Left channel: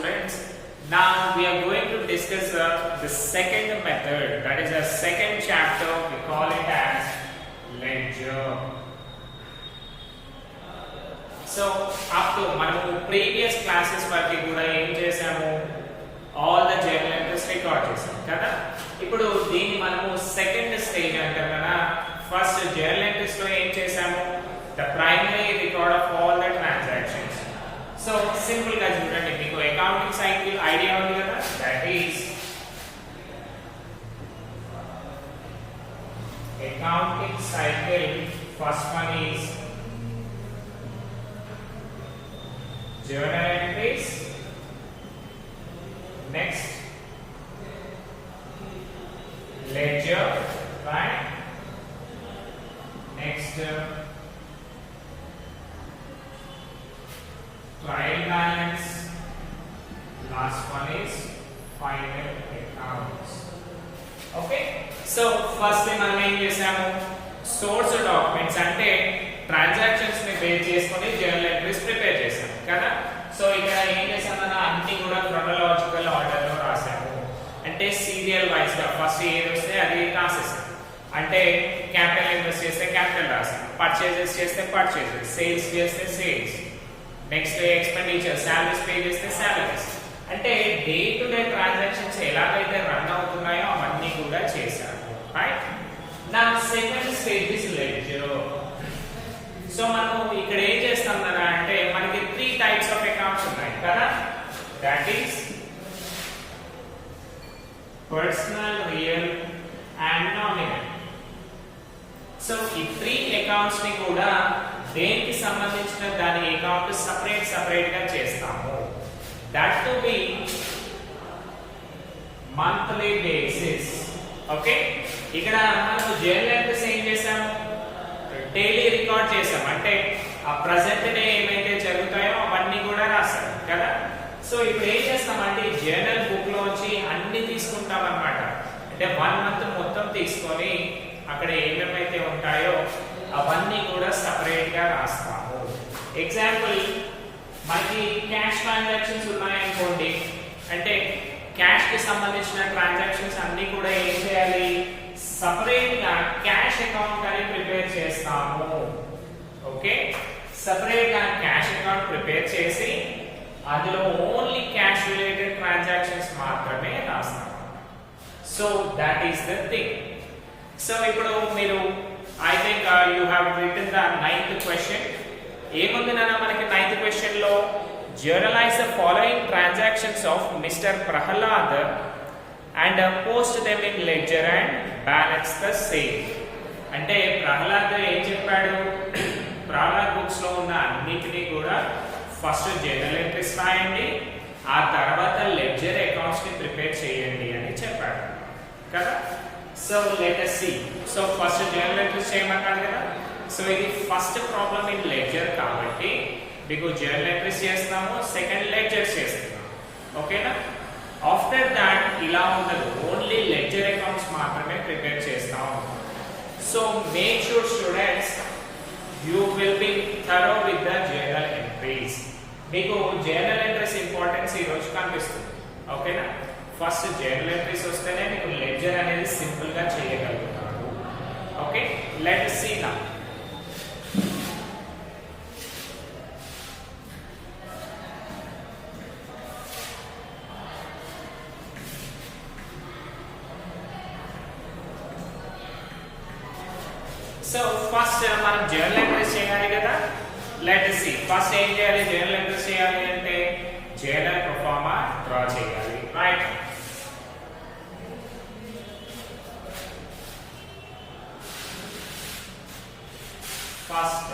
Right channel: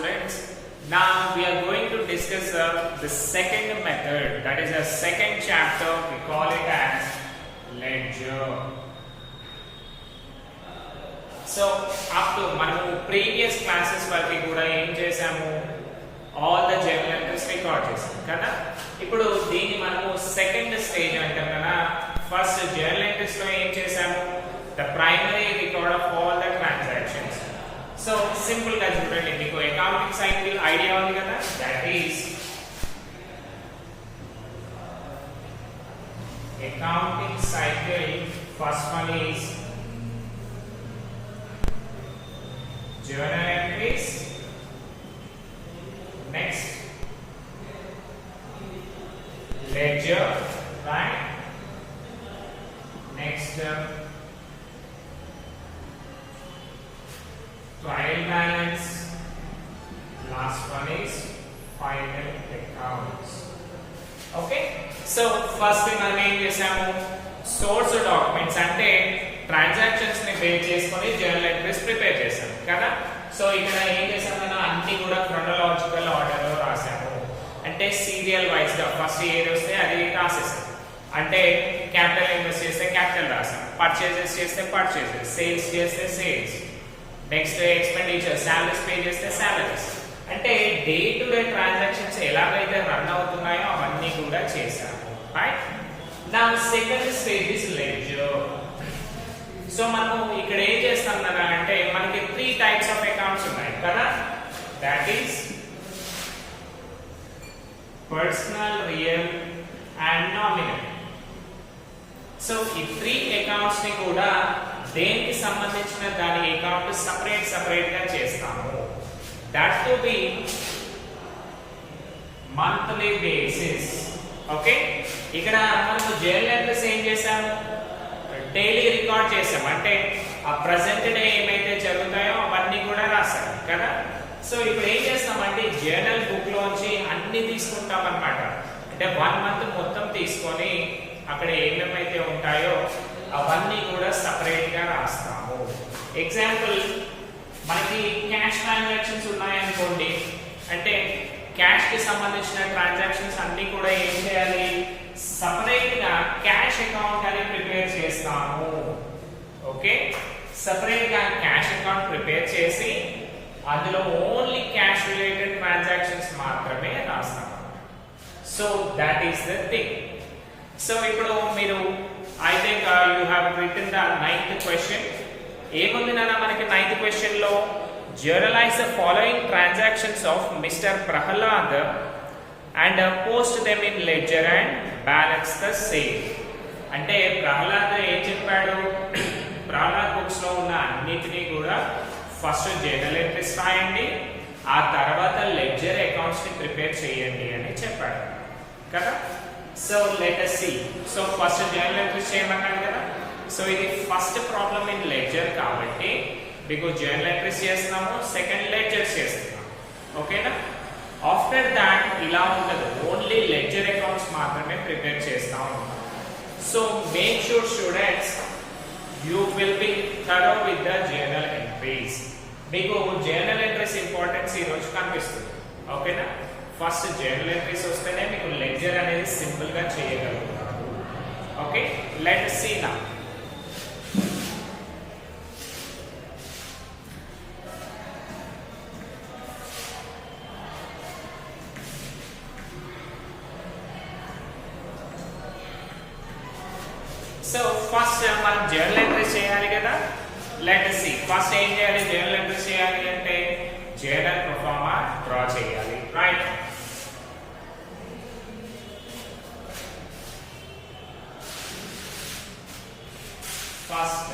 students. Now we are going to discuss the second method, that is a second chapter. We call it as ledger. So up to మనము previous classes వరకు కూడా ఏం చేసాము, all the journal entries record చేసాం కదా. ఇప్పుడు దీన్ని మనము సెకండ్ స్టేజ్ అంటాం కదా. ఫస్ట్ journal entries లో ఏం చేసాము, the primary record of all the transactions. So simple గా చూడండి, మీకు అకౌంటింగ్ సైకిల్ ఐడియా ఉంది కదా, that is accounting cycle. First one is journal entries, next ledger, right? Next trial balance, last one is final accounts. Okay, so first మనం ఏం చేసాము, source documents అంటే ట్రాన్సాక్షన్స్ ని బేస్ చేసుకొని జర్నల్ ఎంట్రీస్ ప్రిపేర్ చేశాం కదా. సో ఇక్కడ ఏం చేసామన్నా, అన్ని కూడా క్రోనలాజికల్ ఆర్డర్ లో రాసాము. అంటే సీరియల్ వైజ్ గా ఫస్ట్ ఏది వస్తే అది రాసేసాం. అంటే క్యాపిటల్ ఇన్వెస్ట్ చేస్తే క్యాపిటల్ రాసాం, పర్చేజెస్ చేస్తే పర్చేజెస్, సేల్స్ చేస్తే sales, next expenditure salaries pay చేస్తే సాలరీస్. అంటే డే టు డే ట్రాన్సాక్షన్స్ ఎలాగైతే రన్ అవుతున్నాయో అవన్నీ కూడా చేశాము, రైట్? నా second stage is ledger. So మనం ఇక్కడ ఏం చేస్తాం కదా అంటే, మనకి 3 టైప్స్ ఆఫ్ అకౌంట్స్ ఉన్నాయి కదా, that is personal, real and nominal. So ఈ 3 అకౌంట్స్ ని కూడా దేనికి సంబంధించిన దాని అకౌంట్ సపరేట్ గా చేస్తాము. That to be monthly basis. Okay, ఇక్కడ మనము జర్నల్ ఎంట్రీస్ ఏం చేసాము, డైలీ రికార్డ్ చేసాం. అంటే ఆ ప్రెసెంట్ డే ఏమైతే జరుగుతాయో అవన్నీ కూడా రాసాం కదా. సో ఇప్పుడు ఏం చేస్తామంటే, జర్నల్ బుక్ లోంచి అన్ని తీసుకుంటాం అన్నమాట. అంటే 1 మంత్ మొత్తం తీసుకొని అక్కడ ఏమేమైతే ఉంటాయో అవన్నీ కూడా సపరేట్ గా రాస్తాము. ఎగ్జాంపుల్, మనకి క్యాష్ ట్రాన్సాక్షన్స్ ఉన్నాయనుకోండి, అంటే క్యాష్ కి సంబంధించిన ట్రాన్సాక్షన్స్ అన్ని కూడా ఏం చేయాలి, సపరేట్ గా క్యాష్ అకౌంట్ అని ప్రిపేర్ చేస్తాము. ఓకే, సపరేట్ గా క్యాష్ అకౌంట్ ప్రిపేర్ చేసి అందులో ఓన్లీ క్యాష్ రిలేటెడ్ ట్రాన్సాక్షన్స్ మాత్రమే రాస్తాము. So that is the thing. So ఇప్పుడు మీరు I think you have written the 9th question. ఏముంది నాన్న మనకి 9th క్వశ్చన్ లో, journalize the following transactions of Mr Prahlad and post them in ledger and balance the same. అంటే ప్రహ్లాద్ ఏం చెప్పాడు, ప్రహ్లాద్ బుక్స్ లో ఉన్న అన్నిటినీ కూడా ఫస్ట్ జర్నల్ ఎంట్రీస్ రాయండి, ఆ తర్వాత లెడ్జర్ అకౌంట్స్ ని ప్రిపేర్ చేయండి అని చెప్పాడు కదా. So let us see. So first journal entries చేయమన్నాడు కదా. సో ఇది ఫస్ట్ ప్రాబ్లం ఇన్ లెడ్జర్ కాబట్టి మీకు జర్నల్ ఎంట్రీస్ చేస్తున్నాము, సెకండ్ లెడ్జర్స్ చేస్తున్నాము. ఓకేనా? ఆఫ్టర్ దాట్ ఇలా ఉండదు, ఓన్లీ లెడ్జర్ అకౌంట్స్ మాత్రమే ప్రిపేర్ చేస్తా ఉంటాం. So make sure students you will be thorough with the journal entries. మీకు జర్నల్ ఎంట్రీస్ ఇంపార్టెన్స్ ఈ రోజు కనిపిస్తుంది. ఓకేనా? ఫస్ట్ జర్నల్ ఎంట్రీస్ వస్తేనే మీకు లెడ్జర్ అనేది సింపుల్ గా చేయగలుగుతారు. Okay, let us see now. So first మనం జర్నల్ ఎంట్రీస్ చేయాలి కదా. Let us see. ఫస్ట్ ఏం చేయాలి, జర్నల్ ఎంట్రీస్ చేయాలి అంటే జర్నల్ ప్రొఫార్మా డ్రా చేయాలి, right? First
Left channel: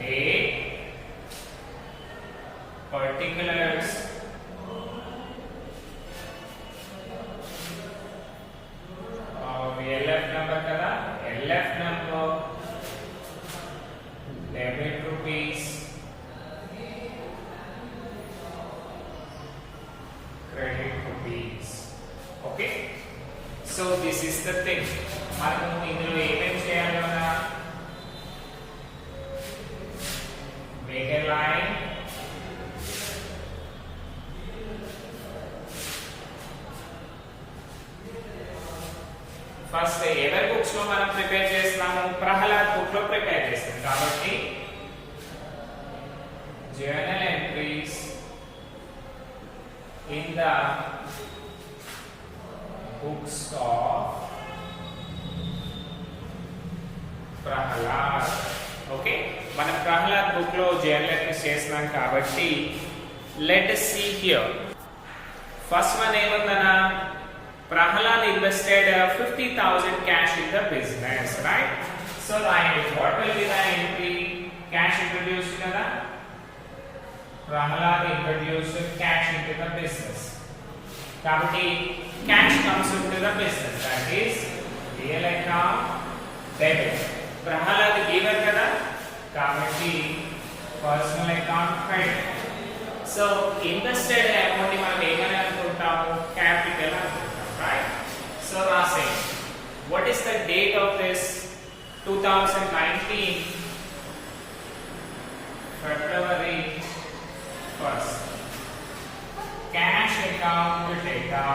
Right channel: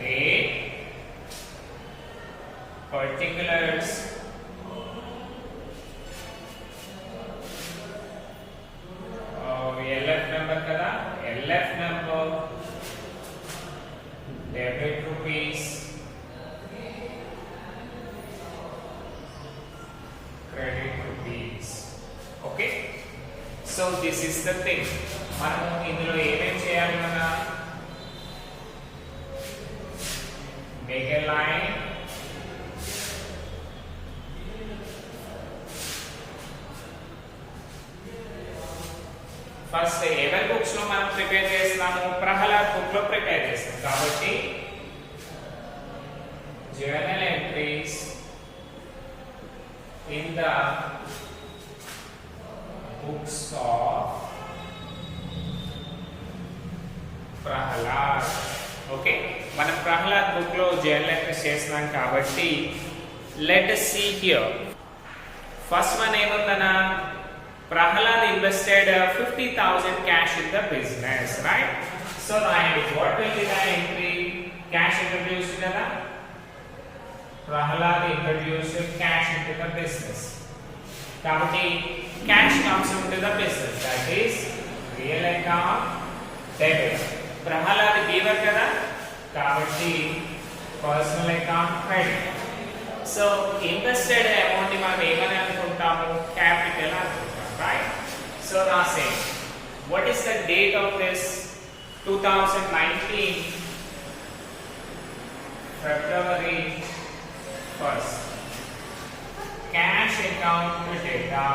date, particulars, LF number కదా, LF number, debit rupees, credit rupees. Okay, so this is the thing. మనం ఇందులో ఏమేమి చేయాలి అన్నా, make a line, ఫస్ట్ ఎవరి బుక్స్ లో మనం ప్రిపేర్ చేస్తున్నాము, ప్రహ్లాద్ బుక్ లో ప్రిపేర్ చేస్తాం కాబట్టి journal entries in the books of Prahlad. Okay, మనం ప్రహ్లాద్ బుక్ లో జర్నల్ ఎంట్రీస్ చేస్తున్నాం కాబట్టి let us see here. First one ఏముందనా, Prahalad invested 50,000 cash in the business, right? So what will be the entry? Cash introduced kada? Prahalad introduced cash into the business. Kabatti cash comes into the business. That is real account debit. Prahalad giver kada? Kabatti personal account credit. So invested amount ni manam emani anukuntamu, capital anukuntamu, right? So now say what is the date of this 2019 February 1st. Cash account data,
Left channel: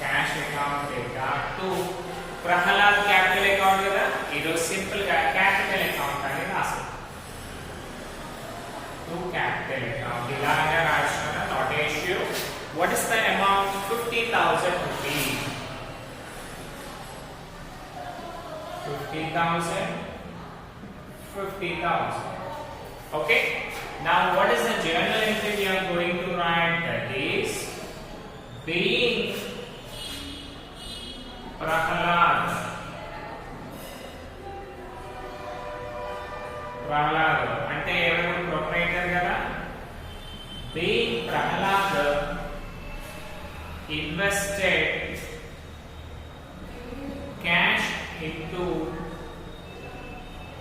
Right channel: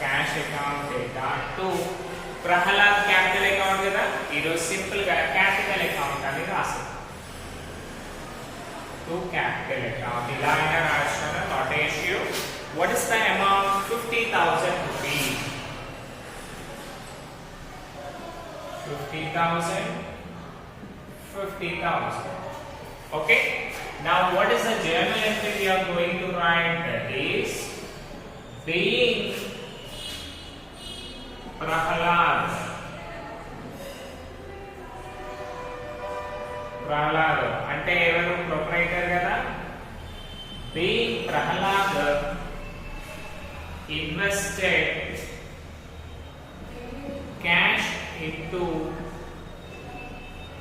cash account data to Prahalad capital account kada ido simple ga capital account ani rasa to capital account ilaya rashana not issue. What is the amount? 50,000 rupees. 50,000. 50,000. Okay. Now, what is the journal entry we are going to write? That is being Prahalad. Prahalad. Ante evaru proprietor kada. Being Prahalad invested cash into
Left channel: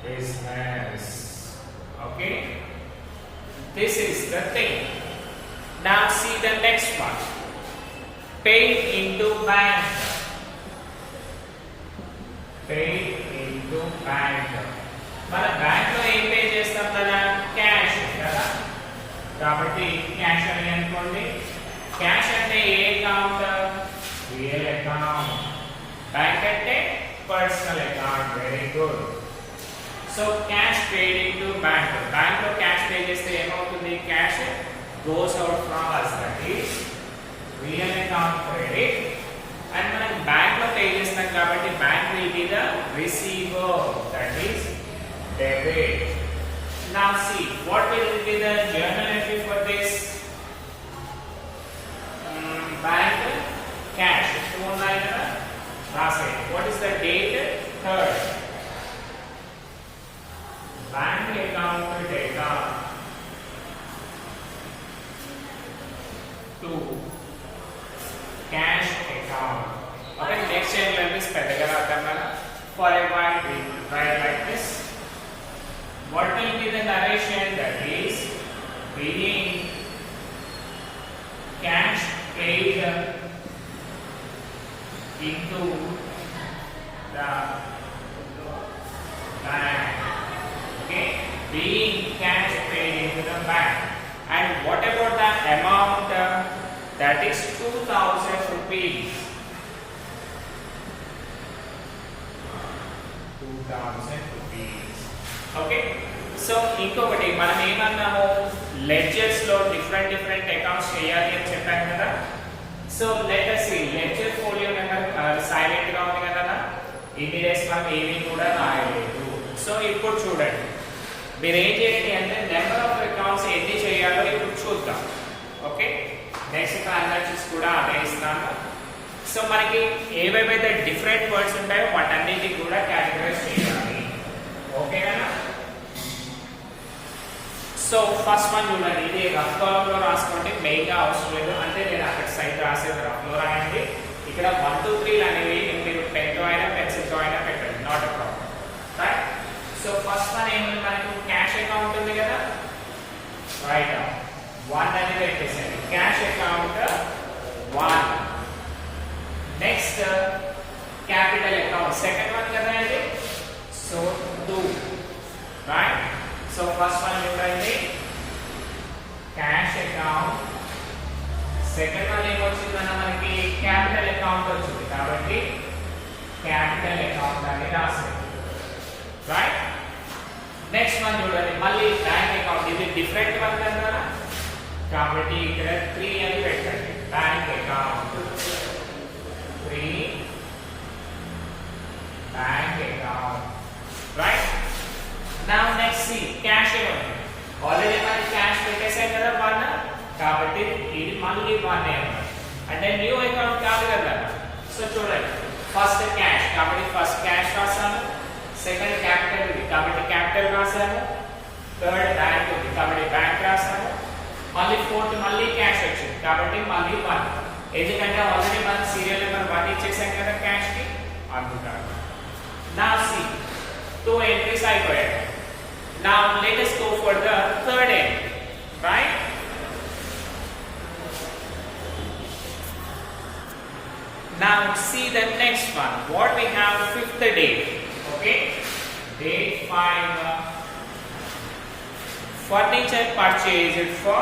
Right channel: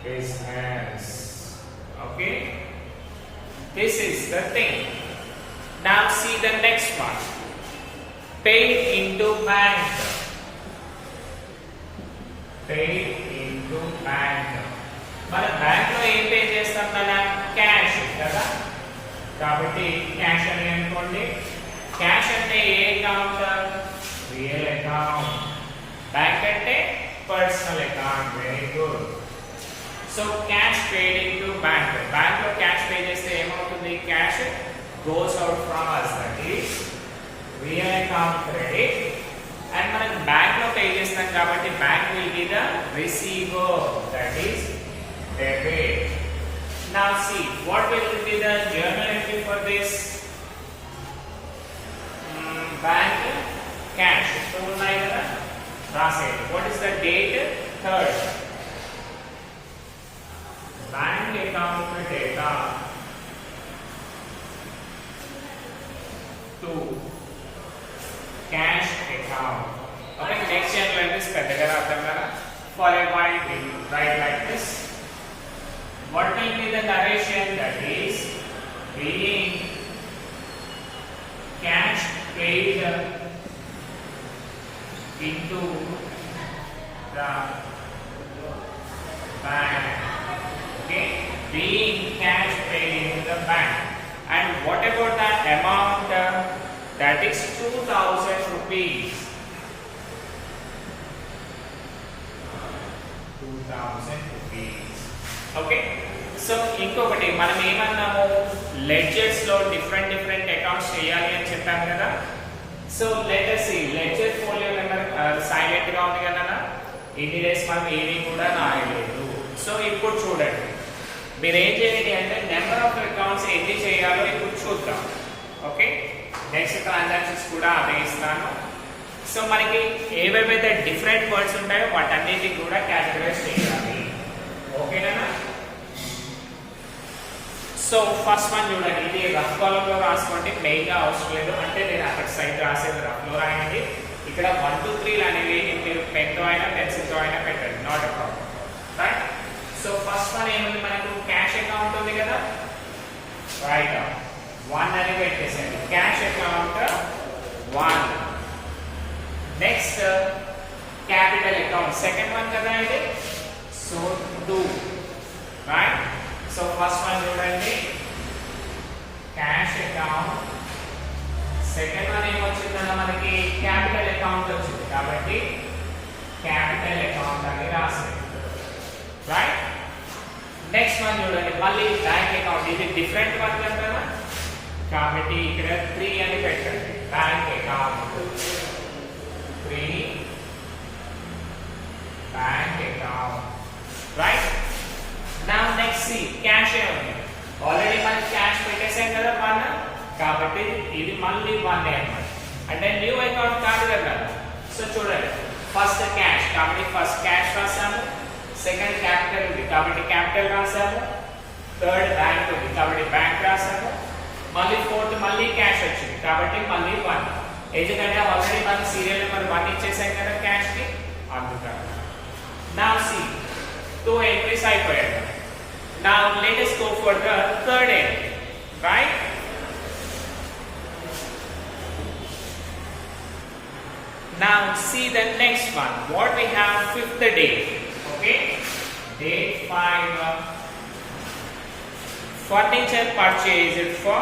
business. Okay, this is the thing. Now see the next one. Paid into bank. Paid into bank. మన బ్యాంక్ లో ఏం పే చేస్తాం కదా, క్యాష్ కదా, కాబట్టి క్యాష్ అని అనుకోండి. క్యాష్ అంటే ఏ అకౌంట్? Real account. బ్యాంక్ అంటే personal account. Very good. So cash పేడ్ ఇంటూ బ్యాంక్. బ్యాంక్ లో క్యాష్ పే చేస్తే ఏమవుతుంది? Cash goes out from us, that is real account credit. And మనం బ్యాంక్ లో పే చేస్తాం కాబట్టి bank will be the receiver, that is debit. Now see what will be the journal entry for this? Bank cash ఉన్నాయి కదా, రాసేది. What is the date? 3rd. Bank account data to cash account. Okay, next journal entry పెద్దగా రాద్దాం కదా. For a while we write like this. What will be the narration? That is being cash paid into the bank. Okay, being cash paid into the bank. And what about the amount? That is 2,000 rupees. 2,000 rupees. Okay, so ఇంకొకటి మనం ఏమన్నాము, లెడ్జర్స్ లో different accounts చేయాలి అని చెప్పాను కదా. So let us see ledger folio number silent గా ఉంది కదా, ఇన్ని డేస్ మనకి ఏమీ కూడా రాలేదు. సో ఇప్పుడు చూడండి, మీరు ఏం చేయండి అంటే నెంబర్ ఆఫ్ అకౌంట్స్ ఎన్ని చేయాలో ఇప్పుడు చూద్దాం. ఓకే, నెక్స్ట్ ట్రాన్సాక్షన్స్ కూడా అదే ఇస్తాను. సో మనకి ఏవేవైతే డిఫరెంట్ వర్డ్స్ ఉంటాయో వాటన్నిటికి కూడా కేటగరైజ్ చేయాలి. ఓకేనా? సో ఫస్ట్ వన్ చూడండి, ఇది రఫ్ కాలమ్ లో రాసుకోండి, మెయిన్ గా అవసరం లేదు. అంటే నేను అక్కడ సైడ్ రాసేది రఫ్ లో రాయండి. ఇక్కడ 1 2 3 అనేవి మీరు పెన్ తో అయినా పెన్సిల్ తో అయినా పెట్టండి, not a problem, right? So first one ఏముంది మనకు, క్యాష్ అకౌంట్ ఉంది కదా, రైట్? 1 అని పెట్టేసండి, cash account 1. Next capital account, second one కదా అండి, so 2, right? So first one చూడండి, క్యాష్ అకౌంట్. సెకండ్ వన్ ఏమొచ్చిందన్న మనకి క్యాపిటల్ అకౌంట్ వచ్చింది కాబట్టి క్యాపిటల్ అకౌంట్ అని రాసేది. రైట్? నెక్స్ట్ వన్ చూడండి, మళ్ళీ బ్యాంక్ అకౌంట్. ఇది డిఫరెంట్ వన్ కదా, కాబట్టి ఇక్కడ 3 అని పెట్టండి. Bank account 3 bank account. Right? Now next see cash ఉంది. ఆల్రెడీ మనకి క్యాష్ పెట్టేసాం కదా 1, కాబట్టి ఇది మళ్ళీ 1 అన్నమాట. అంటే న్యూ అకౌంట్ కాదు కదా. సో చూడండి, ఫస్ట్ క్యాష్ కాబట్టి ఫస్ట్ క్యాష్ రాసాము, సెకండ్ క్యాపిటల్ ఉంది కాబట్టి క్యాపిటల్ రాసాము, థర్డ్ బ్యాంక్ ఉంది కాబట్టి బ్యాంక్ రాసాము, మళ్ళీ ఫోర్త్ మళ్ళీ క్యాష్ వచ్చింది కాబట్టి మళ్ళీ 1. ఎందుకంటే ఆల్రెడీ మనకి సీరియల్ నెంబర్ 1 ఇచ్చేసాం కదా క్యాష్ కి, అందుకని. నౌ సి 2 ఎంట్రీస్ అయిపోయాయి. Now let us go for the third entry. Right? Now see the next one. What we have, 5th day. Okay? Date 5. Furniture purchased for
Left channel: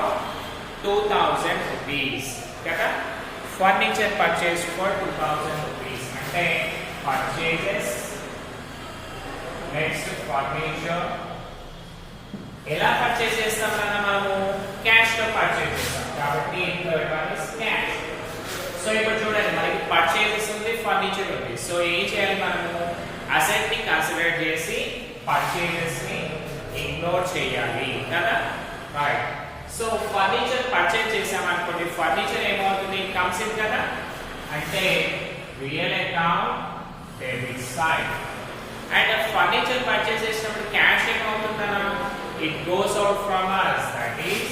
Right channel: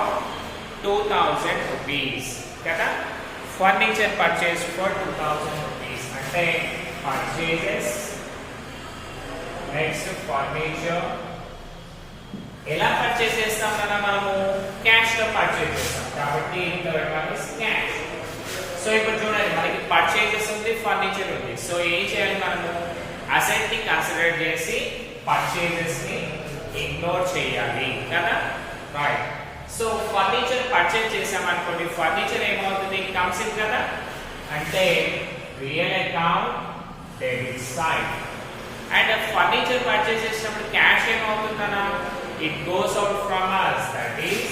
2000 rupees. Kada? Furniture purchased for 2000 rupees. Ante purchases. Next furniture. ఎలా పర్చేస్ చేస్తాం కదా మనము, క్యాష్ లో పర్చేస్ చేస్తాం కాబట్టి third one is cash. So ఇప్పుడు చూడండి, మనకి పర్చేజెస్ ఉంది, ఫర్నిచర్ ఉంది. సో ఏం చేయాలి మనము, అసెట్ ని కన్సిడర్ చేసి పర్చేజెస్ ని ఇగ్నోర్ చేయాలి కదా. రైట్? సో ఫర్నిచర్ పర్చేజ్ చేసాం అనుకోండి, ఫర్నిచర్ ఏమవుతుంది, కమ్స్ ఇన్ కదా, అంటే real account debit side. And furniture purchase చేసినప్పుడు క్యాష్ ఏమవుతుందన్నా, it goes out from us, that is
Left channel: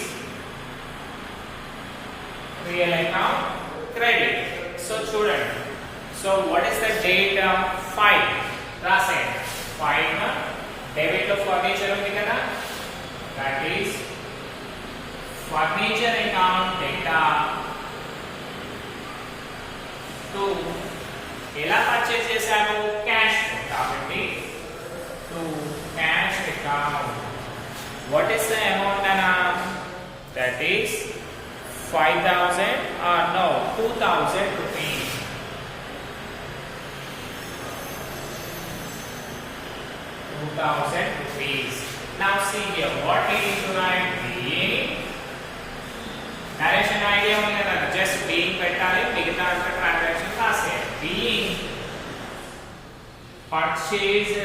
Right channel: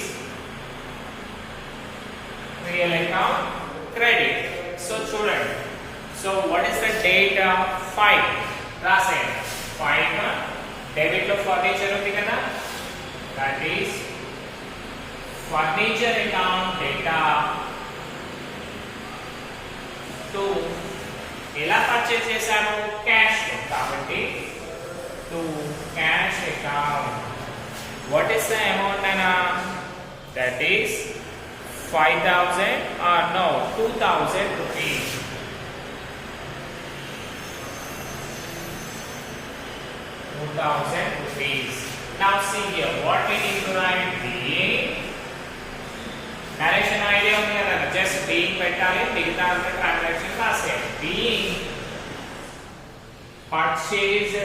real account credit. So చూడండి, so what is the date of 5 రాసేయండి. 5 డెబిట్ లో ఫర్నిచర్ ఉంది కదా, that is furniture account data to ఎలా పర్చేస్ చేశాను, క్యాష్ కాబట్టి to cash account. What is the amount Anna? That is 5,000 or no 2,000 rupees. 2,000 rupees. Now see here, what we need to write, being narration idea ఉంది కదా, just being పెట్టాలి, మిగతా అంతా ట్రాన్సాక్షన్ రాసేయాలి. Being purchased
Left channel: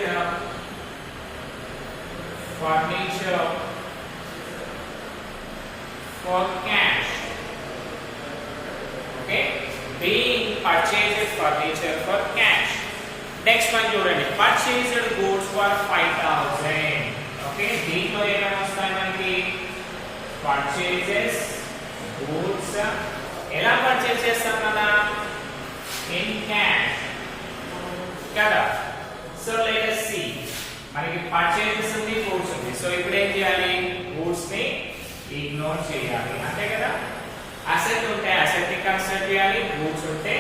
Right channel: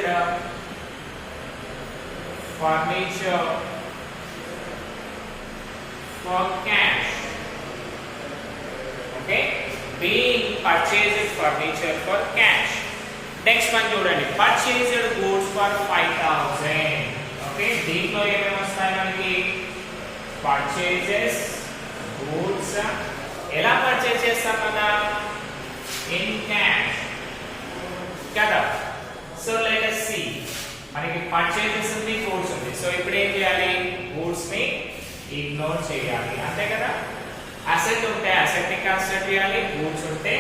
furniture for cash. Okay? Being purchased furniture for cash. Next one చూడండి, purchased goods for 5,000. Okay? దీంట్లో ఏమేమి వస్తాయి మనకి, purchases goods ఎలా పర్చేస్ చేస్తాం కదా, in cash కదా. So let us see, మనకి పర్చేజెస్ ఉంది, గూడ్స్ ఉంది. సో ఇప్పుడు ఏం చేయాలి, గూడ్స్ ని ఇగ్నోర్ చేయాలి, అంతే కదా. అసెట్ ఉంటే అసెట్ ని కన్సిడర్ చేయాలి, గూడ్స్ ఉంటే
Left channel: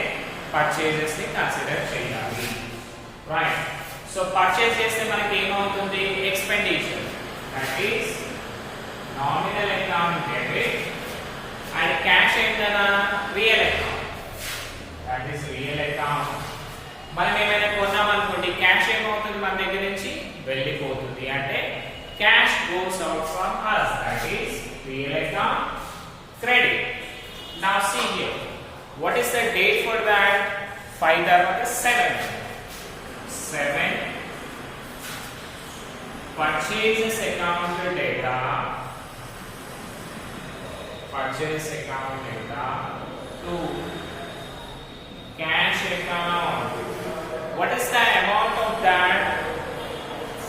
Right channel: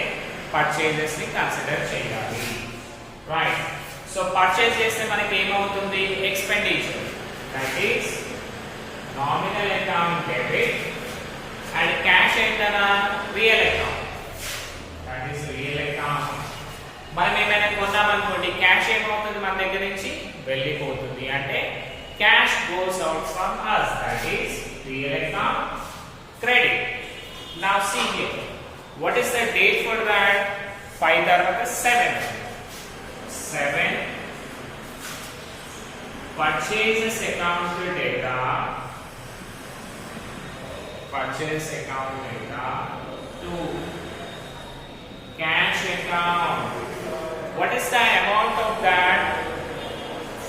పర్చేజెస్ ని కన్సిడర్ చేయాలి. రైట్? సో పర్చేజ్ చేస్తే మనకి ఏమవుతుంది, expenditure, that is nominal account debit. And cash ఏంటన్నా, real account, that is real account. మనం ఏమైనా కొన్నాం అనుకోండి, క్యాష్ ఏమవుతుంది, మన దగ్గర నుంచి వెళ్ళిపోతుంది, అంటే cash goes out from us, that is real account credit. Now see here, what is the date for that, 5 తర్వాత 7 purchases account data, purchase account data to cash account. What is the amount of that,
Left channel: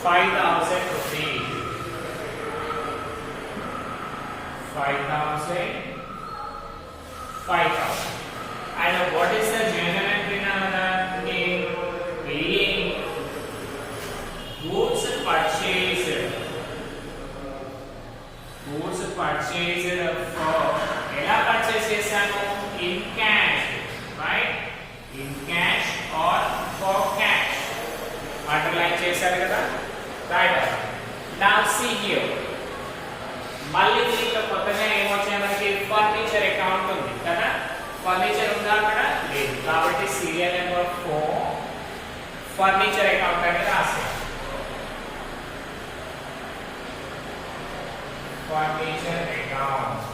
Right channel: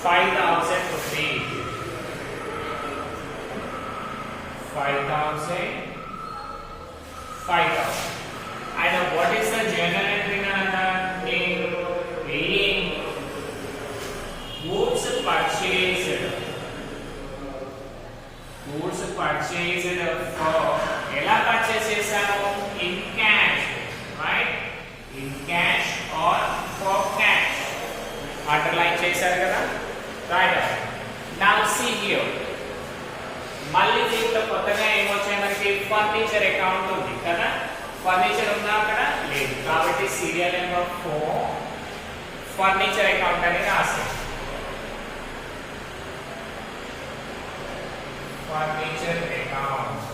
5,000 rupees. 5,000. And what is the journal entry number? Being goods purchased. Goods purchased for ఎలా purchase చేశాను, in cash, right? In cash or for cash. Underline చేశారు కదా, right? Now see here, మళ్ళీ దీంట్లో కొత్తగా ఏమొచ్చాయి మనకి, furniture account ఉంది కదా. ఫర్నిచర్ ఉందా అక్కడ, లేదు, కాబట్టి సీరియల్ నెంబర్ 4 ఫర్నిచర్ అకౌంట్ అని రాసేయండి. Furniture account.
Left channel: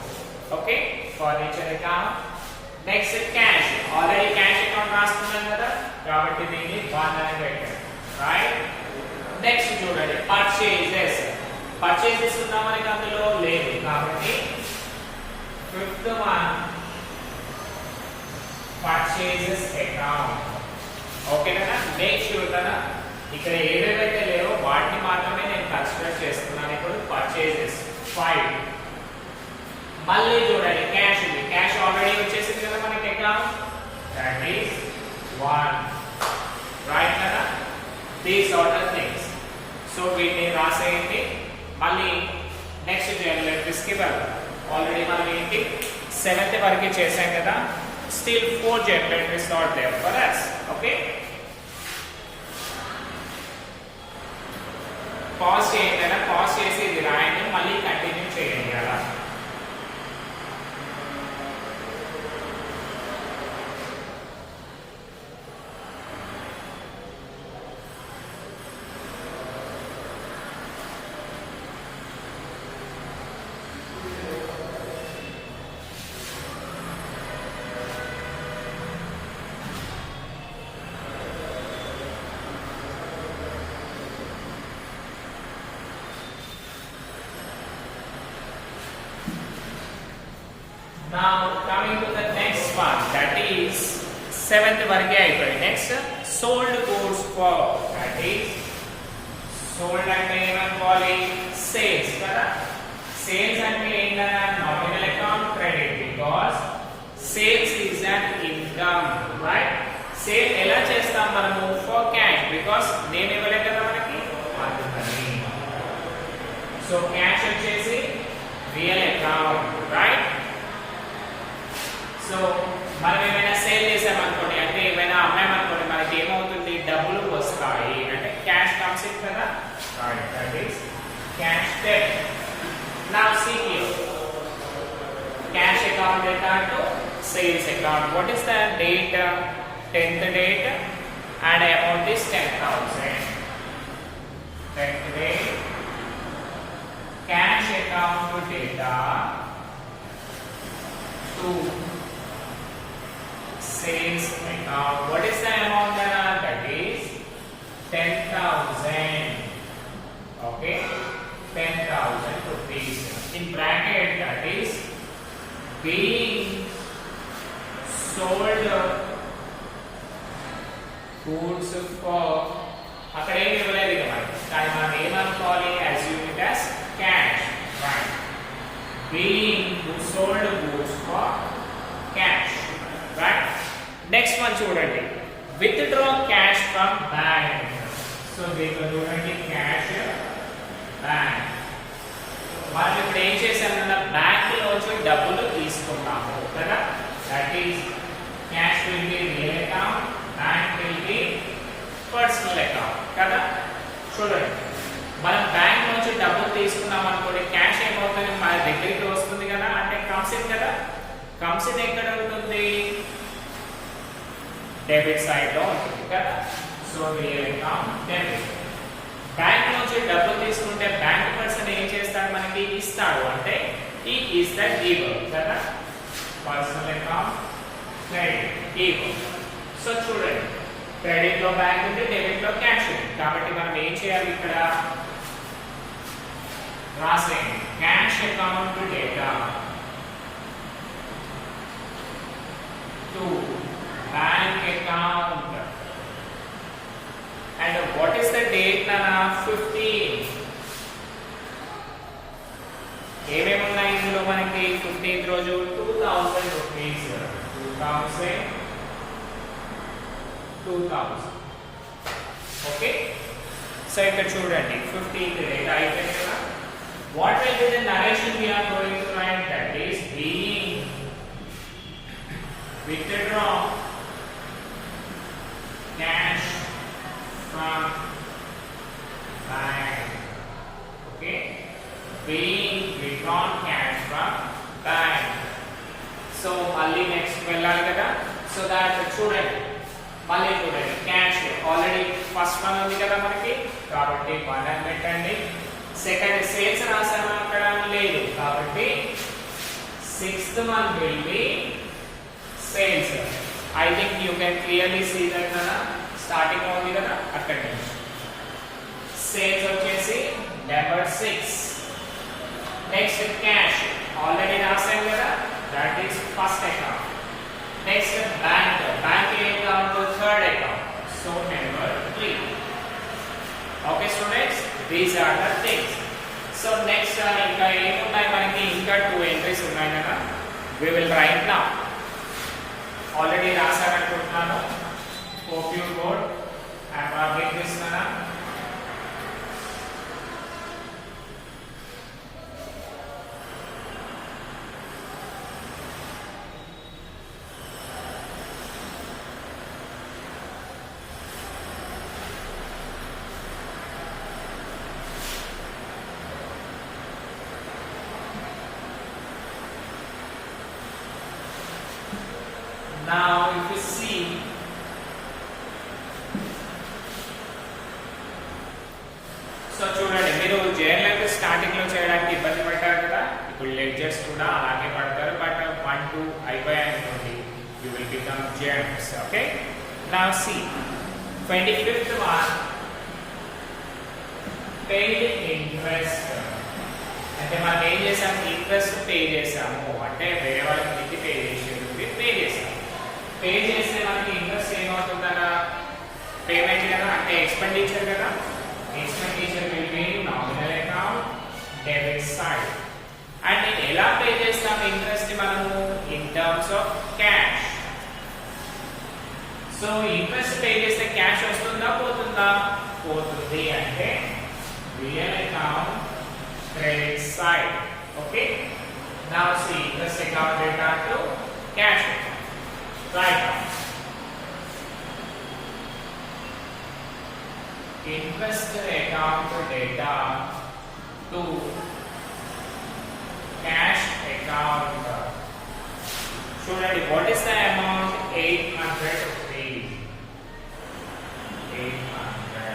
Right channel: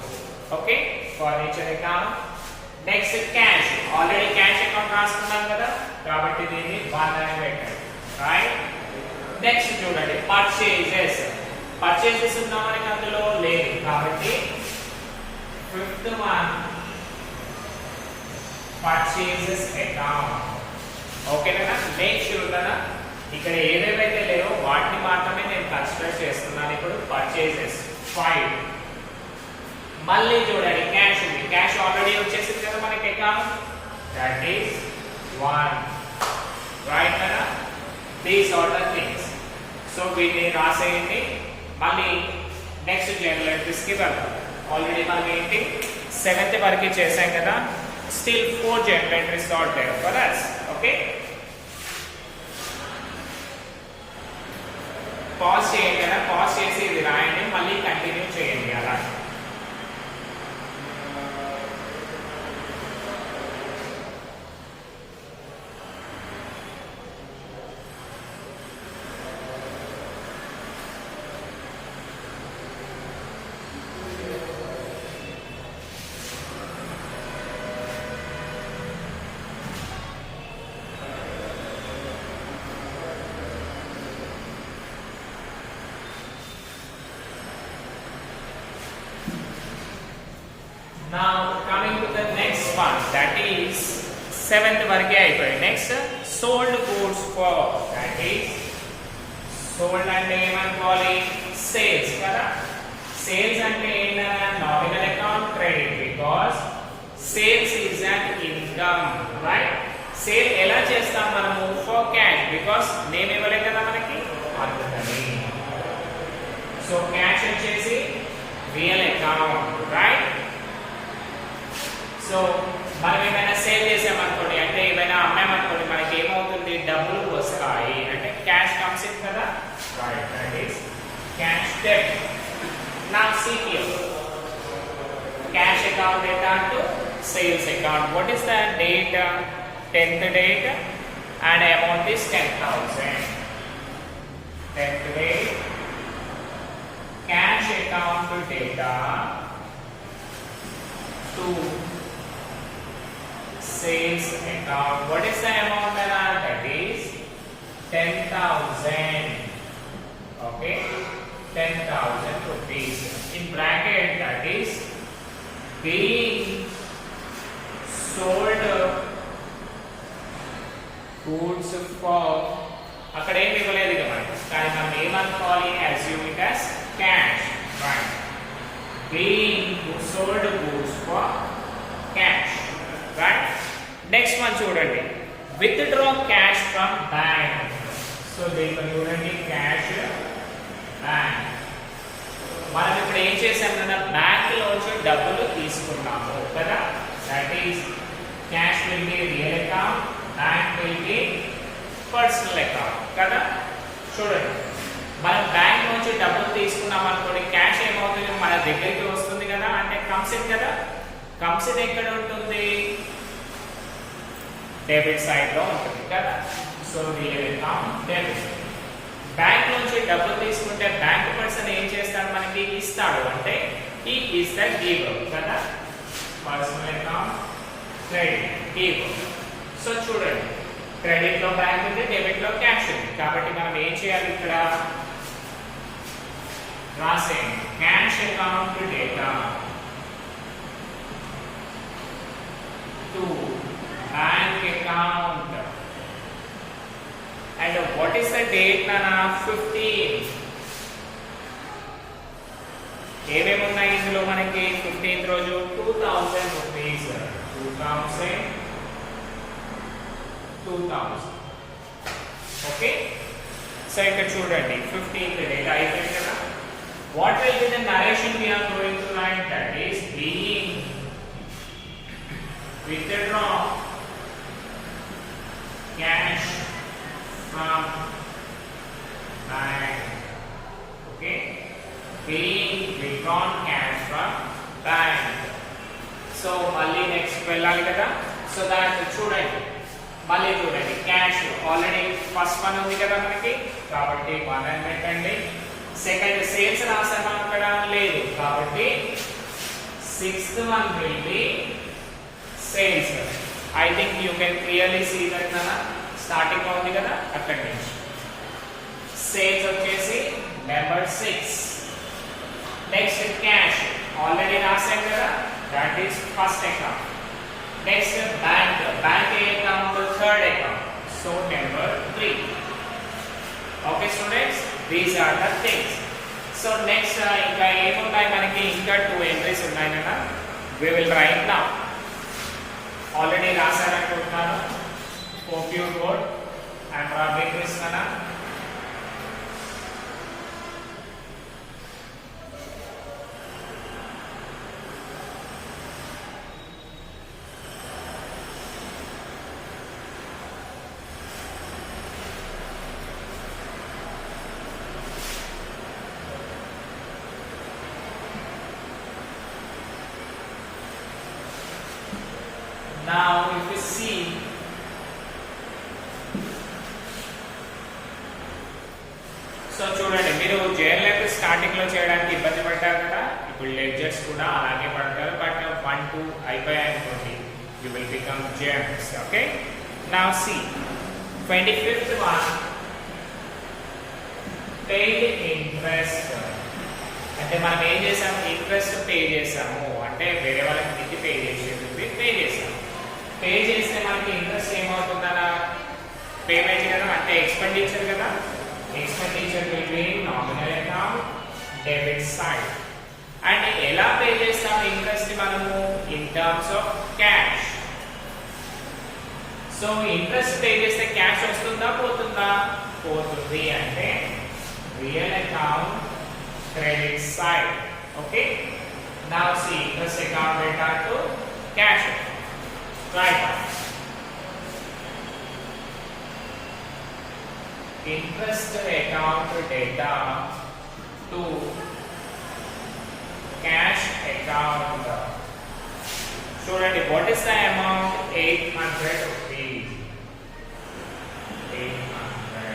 Okay, furniture account. Next cash. Already cash account రాసుకున్నాం కదా, కాబట్టి దీన్ని 1 అని పెట్టండి. రైట్. నెక్స్ట్ చూడండి పర్చేజెస్. పర్చేజెస్ ఉందా మనకి అందులో? లేదు, కాబట్టి ఫిఫ్త్ వన్ పర్చేజెస్ అకౌంట్. ఓకేనా? నెక్స్ట్ చూద్దాం, ఇక్కడ ఏవేవైతే లేవో వాటిని మాత్రమే నేను కన్సిడర్ చేస్తున్నాను. ఇప్పుడు పర్చేజెస్ 5. మళ్ళీ చూడండి క్యాష్ ఉంది. క్యాష్ ఆల్రెడీ వచ్చేసింది కదా మనకి అకౌంట్, దట్ ఈస్ 1. రైట్ కదా? These are the things. So వీటిని రాసేయండి. మళ్ళీ నెక్స్ట్ జనరల్ ఎంట్రీస్ కి వెళ్దాం. ఆల్రెడీ మనం ఏంటి 7th వరకు చేసాం కదా, still 4 general entries are there for us. Okay, pause చేయండి కదా, పాజ్ చేసి ఇది రాయండి, మళ్ళీ కంటిన్యూ చేయండి అలా. Now coming to the next one, that is 7th వరకే అయిపోయింది. Next sold goods for, that is sold అంటే ఏమనుకోవాలి? సేల్స్ కదా. సేల్స్ అంటే ఏంటన్నా nominal account credit, because sales is an income. Right. Sale ఎలా చేస్తాం మనము? ఫర్ క్యాష్, బికాస్ నేమ్ ఇవ్వలేదు కదా మనకి, అందుకని. సో క్యాష్ వచ్చేసి రియల్ అకౌంట్. రైట్. సో మనం ఏమైనా సేల్ చేసామనుకోండి, అంటే ఏమైనా అమ్మామనుకోండి, మనకి ఏమవుతుంది? డబ్బులు వస్తాయి, అంటే క్యాష్ కమ్స్ ఇన్ కదా. Right, that is cash debit. Now see here, cash account data to sales account. What is the date? 10th date and amount is 10,000. 10th date, cash account data to sales account. What is the amount? That is 10,000. Okay, 10,000 rupees. In bracket, that is being sold goods for. అక్కడ ఏమి ఇవ్వలేదు ఇక మనకి, కానీ మనం ఏమనుకోవాలి? assume it as cash. Right. Being sold goods for cash. Right. Next one చూడండి, withdraw cash from bank. So దీంట్లో చూడండి cash bank. మనం ఇప్పుడు ఏం చేసామన్నా బ్యాంక్ లోంచి డబ్బులు తీసుకున్నాము కదా. That is cash will be real account, bank will be personal account కదా. చూడండి, మనం బ్యాంక్ నుంచి డబ్బులు తీసుకున్నాం అనుకోండి, క్యాష్ ఏమవుతుంది? మన దగ్గరికి వస్తుంది కదా, అంటే కమ్స్ ఇన్ కదా. కమ్స్ ఇన్ ఎక్కడ ఉంటుంది? డెబిట్ సైడ్ లో ఉంటుంది కదా. So real account debit. Bank నుంచి డబ్బులు తీసుకుంటే బ్యాంక్ పర్సన్ ఏం చేస్తాడు? మనకి ఇస్తాడు, అంటే he is the giver కదా. Personal account credit, giver. So చూడండి, క్రెడిట్ లో బ్యాంక్ ఉంది, డెబిట్ లో క్యాష్ ఉంది, కాబట్టి మనం ఏం చేయాలి? ఇక్కడ రాసేయండి cash account data to bank account. And what is the date nana? 15. ఏమేమి ఉన్నాయి ఇందులో మనకి? 15th రోజు 2000 రూపీస్. 2000. ఓకే, సో ఇక్కడ చూడండి 15th డేట్ అయిపోయింది కదా. What will be the narration we are going to write? That is being withdraw cash from bank. Okay, being withdrawn cash from bank. So మళ్ళీ నెక్స్ట్ వెళ్ళాలి కదా. సో దాట్ చూడండి, మళ్ళీ చూడండి క్యాష్ ఆల్రెడీ ఫస్ట్ వన్ ఉంది కదా మనకి, కాబట్టి 1 అని పెట్టండి. సెకండ్ సేల్స్ రాసామా అక్కడ, లేదు, కాబట్టి 6th one will be sales. I think you can clearly see that కదా, స్టార్టింగ్ లో ఉంది కదా అక్కడి నుంచి. సేల్స్ వచ్చేసి నెంబర్ 6. నెక్స్ట్ క్యాష్ ఆల్రెడీ రాసాం కదా, that is first account. Next bank, bank ఏ account, third account, so number 3. Okay students, these are the things. So next ఇంకా ఏమున్నాయి మనకి, ఇంకా 2 ఎంట్రీస్ ఉన్నాయి కదా, we will write now. Already రాశారనుకుంటున్నాను, హోప్ యూ గుడ్. ఐఎమ్ రాబింగ్ Krishna. Now if you see, సో చూడండి, మీరు జర్నల్ స్టార్టింగ్ లో చేయడానికి ఇబ్బంది పడ్డారు కదా, ఇప్పుడు లెడ్జర్స్ కూడా అలాగే పడతారు. బట్ 1, 2 అయిపోయాయి అనుకోండి, you will become journals. Okay, now see 25th one, paid interest. అంటే మనం ఏం చేసాము, ఇంట్రెస్ట్ పే చేసాము, అంటే వేరే వాళ్ళకి మితి పే చేసేది పే చేసాము. పే చేస్తే మనకి ఇంట్రెస్ట్ ఏమవుతుందన్నా, పేమెంట్ కదా, అంటే ఎక్స్పెండిచర్ కదా. Expenditure will be nominal account, debit side. And ఎలా పే చేస్తాం ఇంట్రెస్ట్ మనము, in terms of cash. So interest pay చేస్తే క్యాష్ వస్తుందా పోతుందా, పోతుంది. అంటే real account, credit side. Okay, now see interest account data to cash account. Right. Interest account data to cash account. చూడండి, what is the amount? 800 rupees. 800.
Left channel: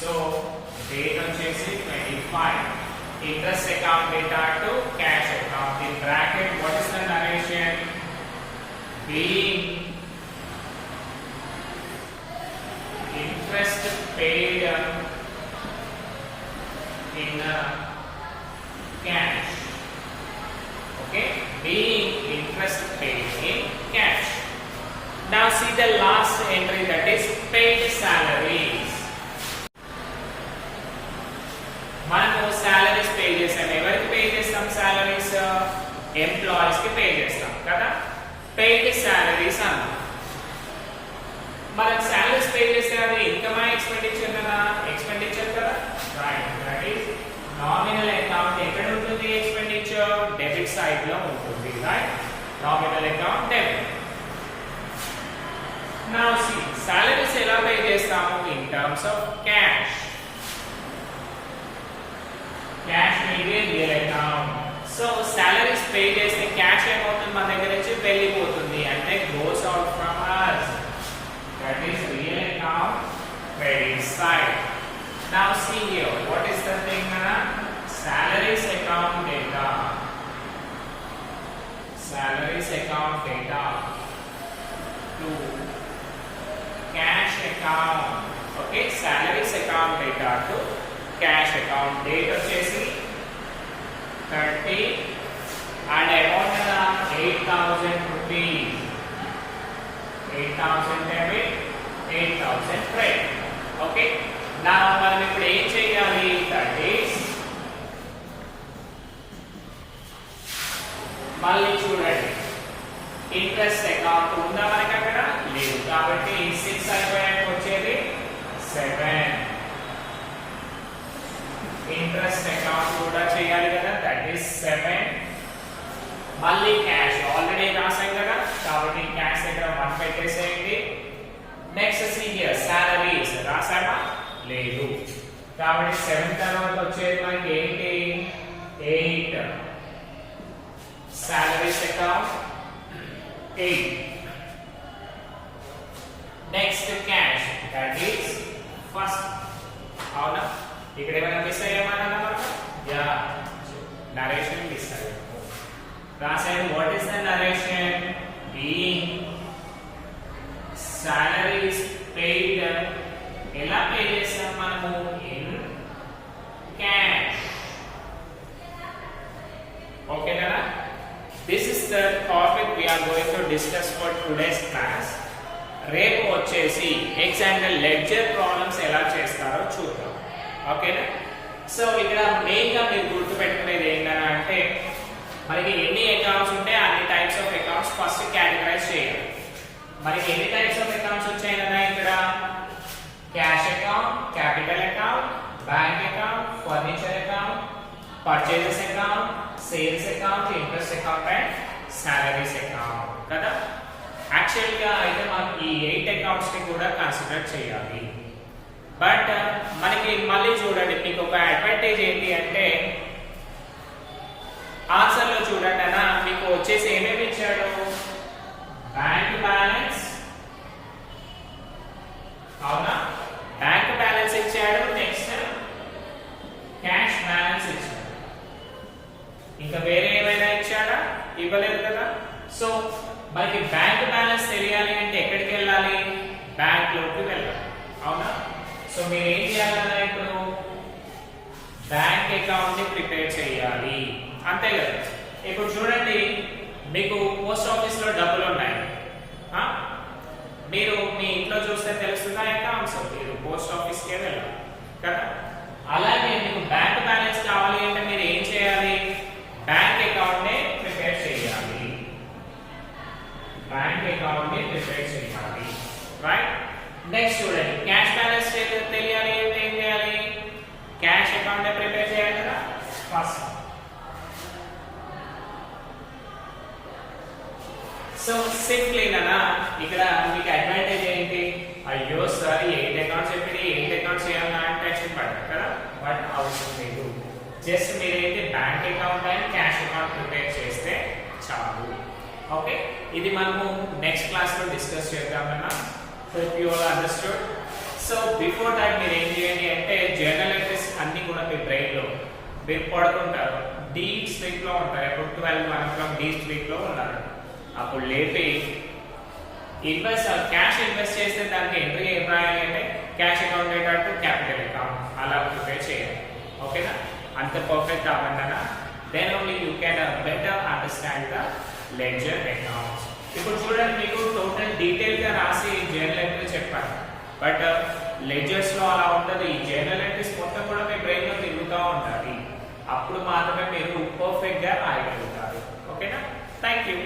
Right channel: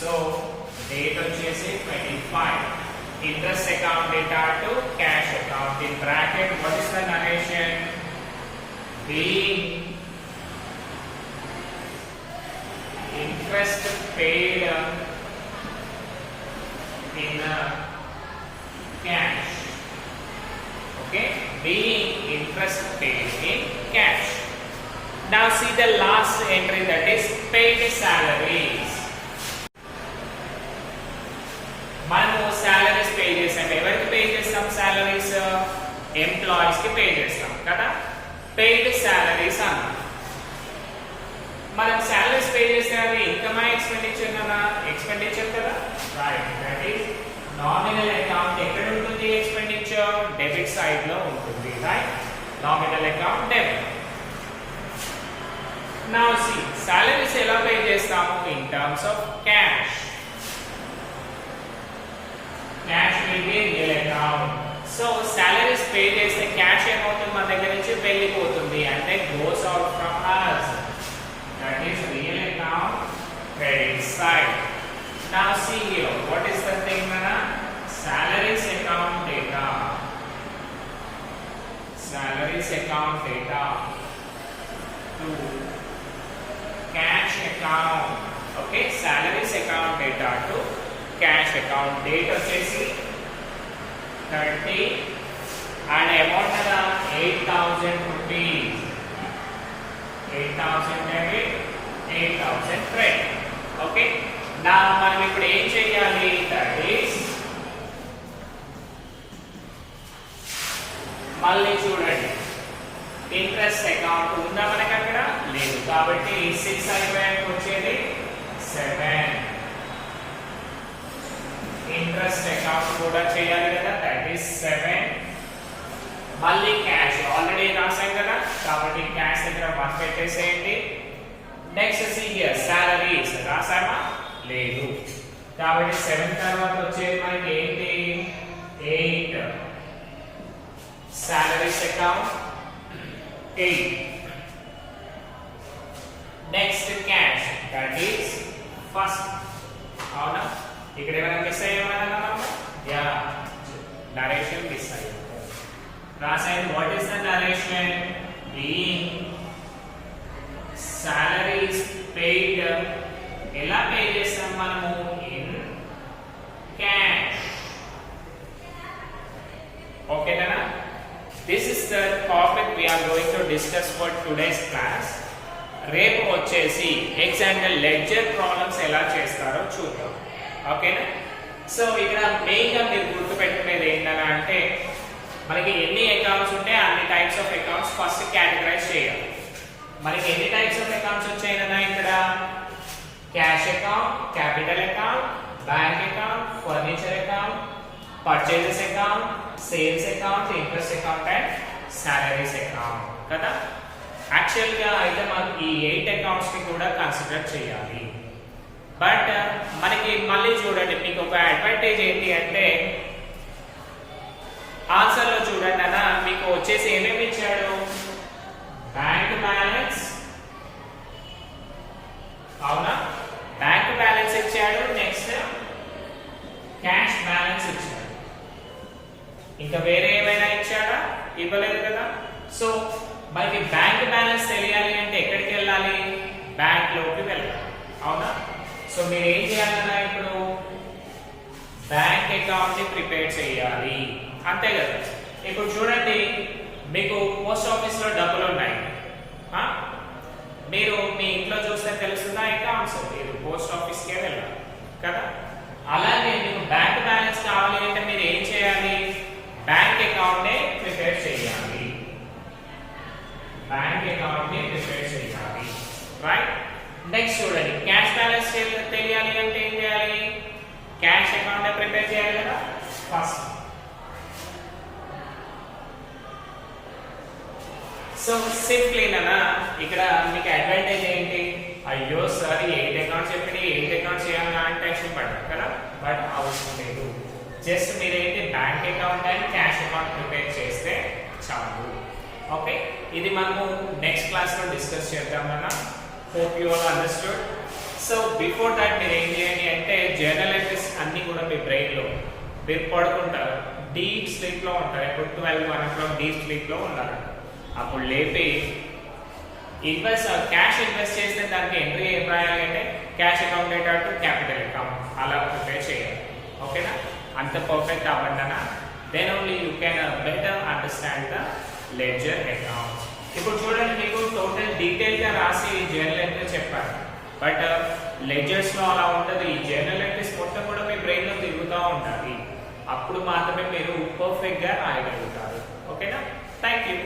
So date వచ్చేసి 25. Interest account data to cash account. In bracket, what is the narration? Being interest paid in cash. Okay, being interest paid in cash. Now see the last entry, that is paid salaries. మనము salaries pay చేస్తాం. ఎవరికి pay చేస్తాం salaries? Employees కి pay చేస్తాం కదా. Paid salaries అన్న, మనం salaries pay చేస్తే అది ఇన్కమ్ ఎక్స్పెండిచర్ కదా, ఎక్స్పెండిచర్ కదా. Right, that is nominal account. ఎక్కడ ఉంటుంది ఎక్స్పెండిచర్? డెబిట్ సైడ్ లో ఉంటుంది. Right, nominal account debit. Now see salaries ఎలా పే చేస్తాము, in terms of cash. Cash will be real account. So salaries pay చేసే cash ఏమవుతుంది, మన దగ్గర నుంచి వెళ్ళిపోతుంది, అంటే goes out from us. That is real account, credit side. Now see here, what is the thing మన salaries account data. Salaries account data to cash account. Okay, salaries account data to cash account. Date వచ్చేసి 30 and amount కదా 8,000 rupees. 8,000 debit, 8,000 credit. Okay, నా మనం ఇప్పుడు ఏం చేయాలి, that is మళ్ళీ చూడండి, ఇంట్రెస్ట్ అకౌంట్ ఉందా మనకి అక్కడ, లేదు. కాబట్టి 600 వచ్చేది 7. ఇంట్రెస్ట్ అకౌంట్ కూడా చేయాలి కదా, దట్ ఈస్ 7. మళ్ళీ క్యాష్ ఆల్రెడీ రాసాం కదా, కాబట్టి క్యాష్ దగ్గర 1 పెట్టేసేయండి. నెక్స్ట్ సీ హియర్ సాలరీస్ రాసామా, లేదు. కాబట్టి 7 తర్వాత వచ్చేది మనకి ఏంటి, 8. Salaries account 8. Next cash, that is first. అవునా? ఇక్కడ ఏమైనా మిస్ అయ్యామన్నా మనం? యా, నరేషన్ మిస్ అయ్యాము. రాసాయి. What is the narration? Being salaries paid. ఎలా పే చేస్తాం మనము? In cash. ఓకేనా? This is the topic we are going to discuss for today's class. రేపు వచ్చేసి ఎగ్జాంపుల్ లెడ్జర్ ప్రాబ్లమ్స్ ఎలా చేస్తారో చూద్దాం. ఓకేనా? సో ఇక్కడ మెయిన్ గా మీరు గుర్తుపెట్టుకునేది ఏంటన్నా అంటే మనకి ఎన్ని అకౌంట్స్ ఉంటే అన్ని types of accounts first categorize చేయాలి. మనకి ఎన్ని టైప్స్ ఆఫ్ అకౌంట్స్ వచ్చాయన్నా ఇక్కడ? Cash account, capital account, bank account, furniture account, purchases account, sales account, interest account and salaries account కదా. యాక్చువల్ గా అయితే మనం ఈ 8 అకౌంట్స్ ని కూడా కన్సిడర్ చేయాలి. బట్ మనకి మళ్ళీ చూడండి, మీకు ఒక అడ్వాంటేజ్ ఏంటి అంటే ఆన్సర్ లో చూడండి అన్న, మీకు వచ్చేసి ఏమేమి ఇచ్చాడు? బ్యాంక్ బ్యాలెన్స్, అవునా? బ్యాంక్ బ్యాలెన్స్ ఇచ్చాడు. నెక్స్ట్ క్యాష్ బ్యాలెన్స్ ఇచ్చాడు. ఇంకా వేరే ఏమైనా ఇచ్చాడా? ఇవ్వలేదు కదా. సో మనకి బ్యాంక్ బ్యాలెన్స్ తెలియాలి అంటే ఎక్కడికి వెళ్ళాలి? బ్యాంక్ లోకి వెళ్ళాలి. అవునా? సో మీరు ఏం చేయాలన్నా ఇప్పుడు బ్యాంక్ అకౌంట్ ని ప్రిపేర్ చేయాలి, అంతే కదా. ఇప్పుడు చూడండి, మీకు పోస్ట్ ఆఫీస్ లో డబ్బులు ఉన్నాయి. మీరు మీ ఇంట్లో చూస్తే తెలుస్తుందా అకౌంట్స్? మీరు పోస్ట్ ఆఫీస్ కే వెళ్ళాలి కదా. అలాగే మీకు బ్యాంక్ బ్యాలెన్స్ కావాలి అంటే మీరు ఏం చేయాలి? బ్యాంక్ అకౌంట్ ని ప్రిపేర్ చేయాలి. బ్యాంక్ అకౌంట్ ని ప్రిపేర్ చేయాలి, రైట్? నెక్స్ట్ చూడండి, క్యాష్ బ్యాలెన్స్ తెలియాలి అంటే ఏం చేయాలి? క్యాష్ అకౌంట్ ని ప్రిపేర్ చేయాలి కదా ఫస్ట్. సో సింప్లీ నానా ఇక్కడ మీకు అడ్వాంటేజ్ ఏంటి? అయ్యో సార్ 8 అకౌంట్స్ చెప్పి 8 అకౌంట్స్ చేయాలన్నా అంటే టెన్షన్ పడ్డారు కదా. బట్ అవసరం లేదు. జస్ట్ మీరైతే bank account and cash account prepare చేస్తే చాలు. ఓకే, ఇది మనము నెక్స్ట్ క్లాస్ లో డిస్కస్ చేద్దామన్నా. Hope you all understood. So before that మీరు ఏం చేయండి అంటే జర్నల్ ఎంట్రీస్ అన్ని కూడా మీ బ్రెయిన్ లో మీరు పడుకుంటారు, డీప్ స్లీప్ లో ఉంటారు. ఇప్పుడు 12-1 o'clock డీప్ స్లీప్ లో ఉన్నారు. అప్పుడు లేపి క్యాష్ ఇన్వెస్ట్ చేస్తే దానికి ఎంట్రీ ఏం రాయాలి అంటే cash account data to capital account అలా ప్రిపేర్ చేయాలి. ఓకేనా? అంత పర్ఫెక్ట్ అవ్వండి. Then only you can better understand the ledger accounts. ఇప్పుడు చూడండి, మీకు టోటల్ డీటెయిల్ గా రాసి జర్నల్ ఎంట్రీ చెప్పారు. బట్ లెడ్జర్స్ లో అలా ఉండదు. ఈ జర్నల్ ఎంట్రీస్ మొత్తం కూడా మీ బ్రెయిన్ లో తిరుగుతూ ఉండాలి. అప్పుడు మాత్రమే మీరు పర్ఫెక్ట్ గా రాయగలుగుతారు. ఓకేనా? Thank you.